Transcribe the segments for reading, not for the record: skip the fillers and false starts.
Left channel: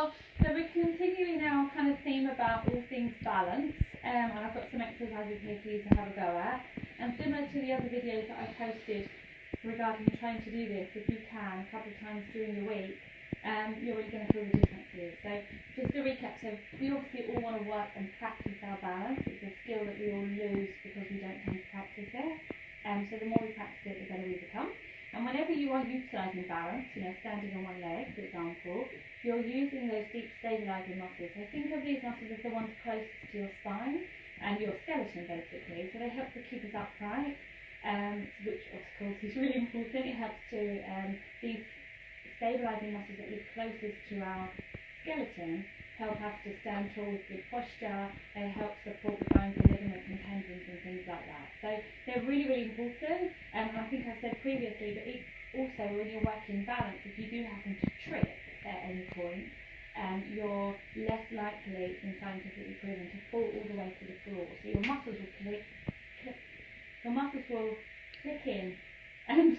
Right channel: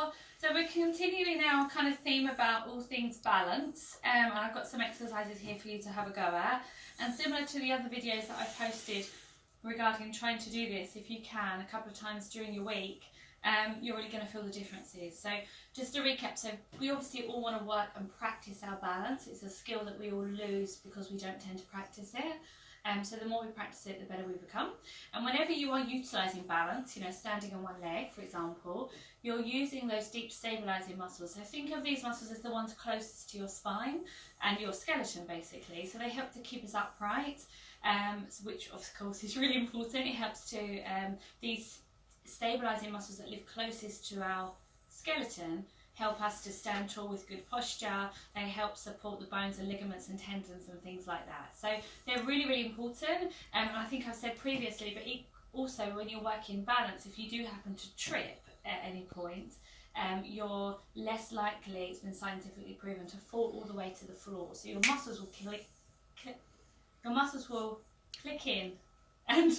are. So we're continuing our kind of theme about all things balance, and I've got some exercises here for you to have a go at. And similar to the other videos that I've posted regarding trying to do this, if you can, a couple of times during your week, you're really going to feel the differences. So just to recap, so we obviously all want to work and practice our balance. It's a skill that we all lose because we don't tend to practice it. So the more we practice it, the better we become. And whenever you are utilising balance, standing on one leg, for example, you're using those deep stabilising muscles. So think of these muscles as the ones closest to your spine and your skeleton, basically. So they help to keep us upright, which of course is really important. It helps to, these stabilising muscles that live closest to our skeleton help us to stand tall with good posture. They help support the bones and ligaments and tendons and things like that. So they're really, really important. And I think I've said previously, but also when you're working balance, if you do happen to trip at any point, you're less likely, it's been scientifically proven, to fall all the way to the floor. So your muscles will click in and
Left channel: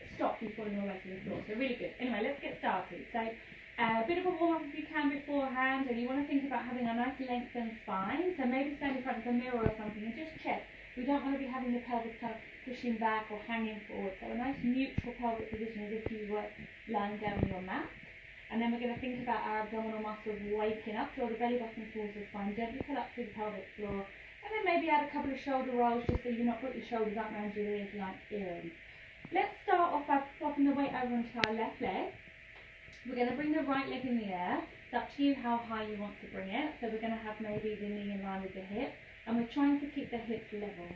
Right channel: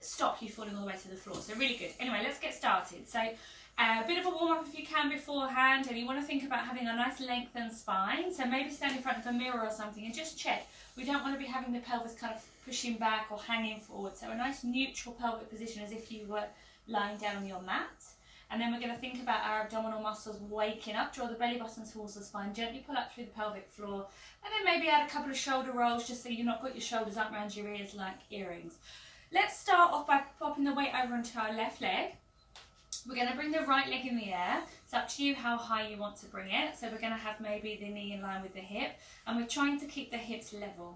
stop you falling all the way to the floor. So really good. Anyway, let's get started. So a bit of a warm up if you can beforehand, and you want to think about having a nice lengthened spine. So maybe stand in front of a mirror or something and just check. We don't want to be having the pelvis kind of pushing back or hanging forward. So a nice neutral pelvic position as if you were lying down on your mat. And then we're going to think about our abdominal muscles waking up. Draw the belly button towards the spine. Gently pull up through the pelvic floor. And then maybe add a couple of shoulder rolls just so you've not got your shoulders up around your ears like earrings. Let's start off by popping the weight over onto our left leg. We're going to bring the right leg in the air. It's up to you how high you want to bring it. So we're going to have maybe the knee in line with the hip. And we're trying to keep the hips level.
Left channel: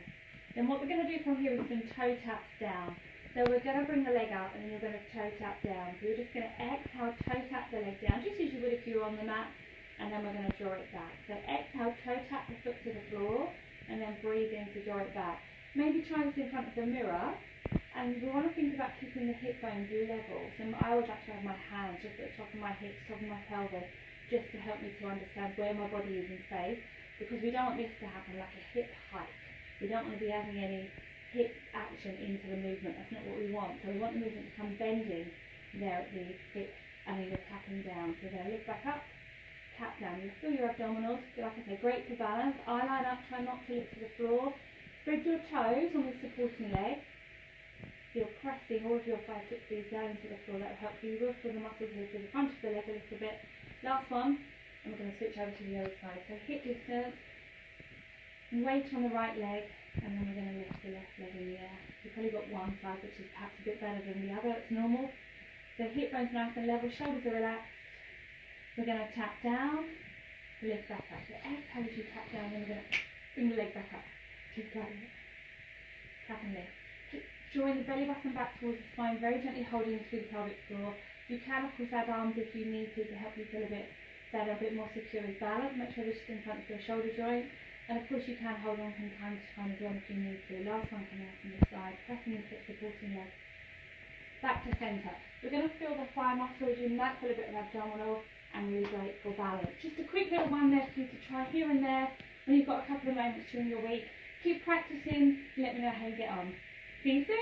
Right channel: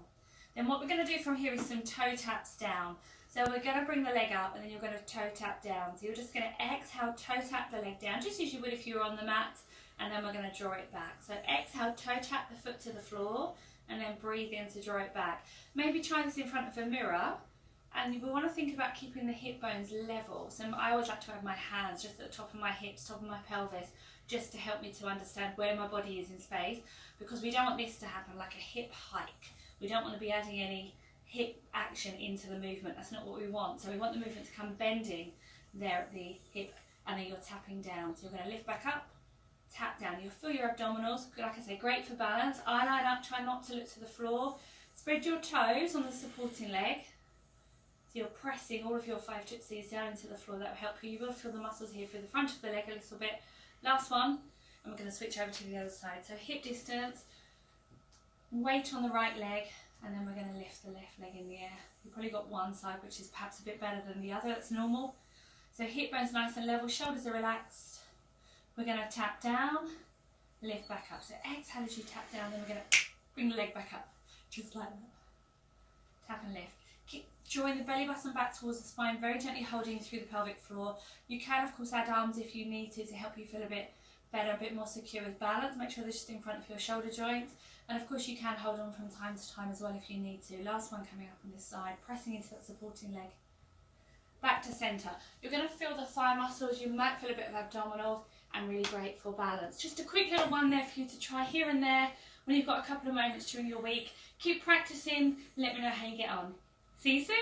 Then what we're going to do from here is some toe taps down. So we're going to bring the leg up and then you're going to toe tap down. So you're just going to exhale, toe tap the leg down, just as you would if you were on the mat. And then we're going to draw it back. So exhale, toe tap the foot to the floor, and then breathe in to draw it back. Maybe try this in front of a mirror, and we want to think about keeping the hip bones level. So I always like to have my hands just at the top of my hips, top of my pelvis, just to help me to understand where my body is in space, because we don't want this to happen like a hip hike. We don't want to be adding any hip action into the movement. That's not what we want. So we want the movement to come bending there at the hip, and then you're tapping down. So we're going to lift back up, tap down. You'll feel your abdominals, like I say, great for balance. Eye line up, try not to look to the floor. Spread your toes on the supporting leg. So you're pressing all of your 5 tootsies down into the floor. That will help you. You will feel the muscles here through the front of the leg a little bit. Last one, and we're going to switch over to the other side. So hip distance, weight on the right leg, and then we're going to lift the left leg in the air. You've probably got one side which is perhaps a bit better than the other. That's normal. So hip bones nice and level, shoulders are relaxed. We're going to tap down, lift back up. So exhale as you tap down, then we're going to bring the leg back up, just like that. Tap and lift. Keep drawing the belly button back towards the spine, very gently holding through the pelvic floor. You can, of course, add arms if you need to help you feel a bit better, a bit more secure with balance. Make sure they're just in front of your shoulder joints. And of course, you can hold on from time to time as well if you need to. Last one coming up on this side, pressing into that supporting leg. Back to centre. You're going to feel the thigh muscles. You might feel a bit of abdominal, and really great for balance. Just a quick little one there for you to try here and there when you've got a couple of moments during your week. Keep practicing. Let me know how you get on. See you soon.